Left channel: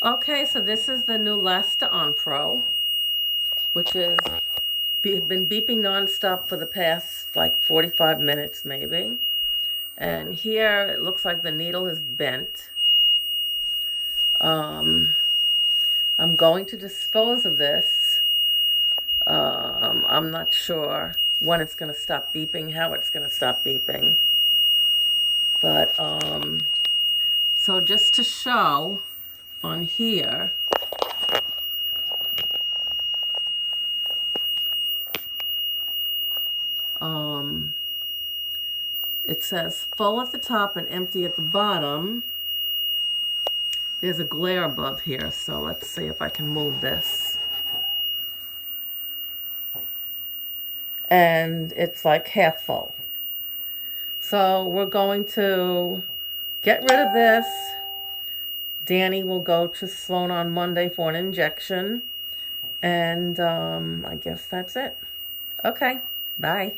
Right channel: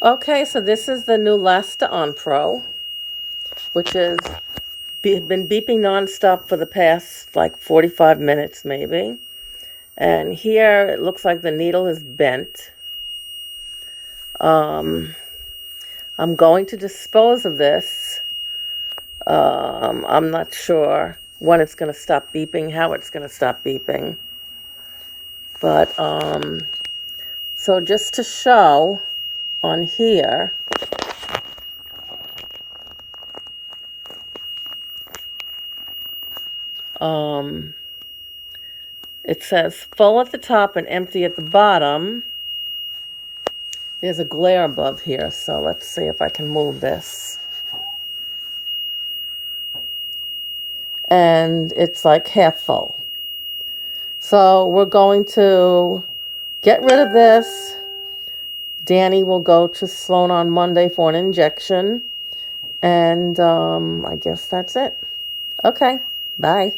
Okay, so this is the new Lasta On Pro, which has been beeping nonstop for the past like 45 minutes maybe. And here it looks like the needle is bent. I'm going to dispose of this. I'm not sure when it's going to stop beeping, how it's going to stop beeping. But, so just to show on here, it says full at the top and empty at the bottom. There's a glare above here, so let's see if I can move this. And it's like half full. So we're going to get rid of this. Danny will go to Sloan on Monday for an injection. And I guess that's it. Okay, bye.